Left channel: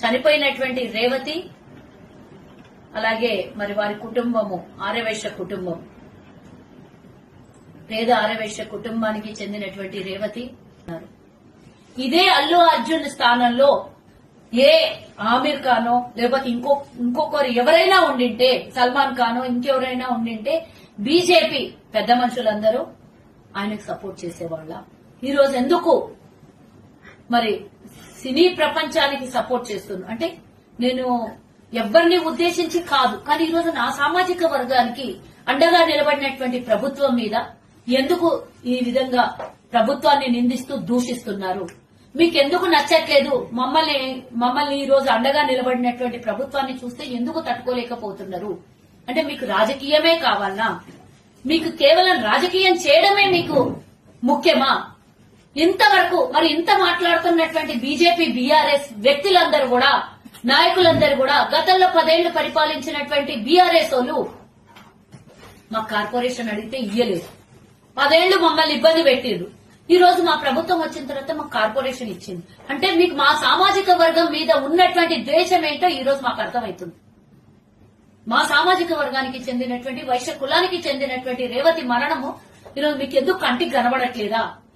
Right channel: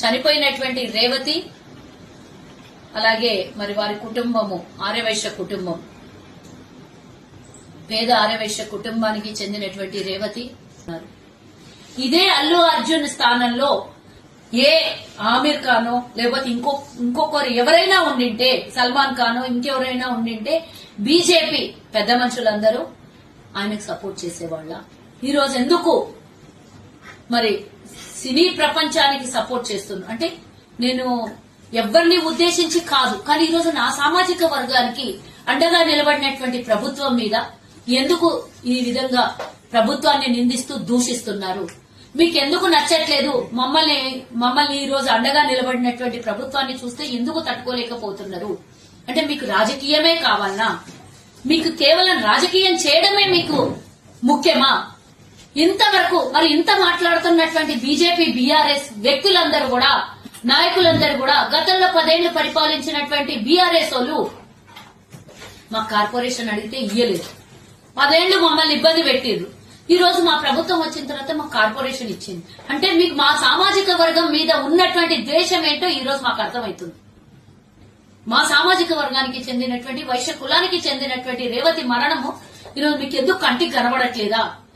చనిపోయినటువంటి రేవతి అలాగే మరి వారి కుటుంబము ఆర్యవైశ్య కుటుంబం, పేద ఆర్యవైశ్య కుటుంబానికి చెందినటువంటి రేవతి ఉన్నారు. ఇదే అల్లు అర్జున్ స్థానంలో ఏ ఆమిర్ ఖానో లేకపోతే ఇంకొకరు ఎవరైనా ఉండింటే, సల్మాన్ ఖానో ఇంకెవరైనా ఉండింటే బీజేపీ పెద్ద మనుషులందరూ ఆయనకు సపోర్ట్ చేసేవాళ్ళ. ఈరోజు ఎందుకు మరి సినీ ప్రపంచానికి సపోర్ట్ చేస్తున్నా అంటే నేను ఎవరిని ఉద్దేశించి కాదు, కానీ ఈరోజు నా సామాజిక వర్గానికి అండగా నిలబడినటువంటి ప్రభుత్వం మీద ఎందుకు ఈ విధంగా ప్రభుత్వాన్ని నిందిస్తూ దూషిస్తున్నారు? మీకెందుకు నచ్చట్లేదు? మమ్మల్ని ఈ రోజు అండగా నిలబడినటువంటి ప్రభుత్వాన్ని చూస్తే ఎందుకు తట్టుకోలేకపోతున్నారు? అంటే మీకు రాజకీయమే కావాలనా? మీకు కేవలం రాజకీయం చేయడమే మీకు ముఖ్యమా? ఇంతవరకు మరి ఇంత మాట్లాడుతున్నటువంటి బీజేపీ బీఆర్ఎస్ వ్యక్తులందరూ కూడా, నాయకులందరూ కూడా గతంలో 10 ఏళ్లు పరిపాలించినటువంటి బీఆర్ఎస్ వాళ్ళు మా కార్పొరేషన్ అడిగితే ఇయ్యలేదు. 10 ఏళ్లు మమ్మల్ని ఇబ్బంది పెట్టిర్రు. ఈ రోజు మా ప్రభుత్వం వచ్చిన తర్వాత మా కార్పొరేషన్ ఇచ్చింది. అంటే మీకు మా సామాజిక వర్గం మీద ఉన్నటువంటి ద్వేషం ఏంటో ఈ రోజు మాకు అర్థమవుతుంది. మా సామాజిక వర్గానికి చెందినటువంటి వైశ్య కులానికి చెందినటువంటి రేవతి మరణము ఈరోజు మీకు ఎందుకు కంటికి కనబడట్లేదా?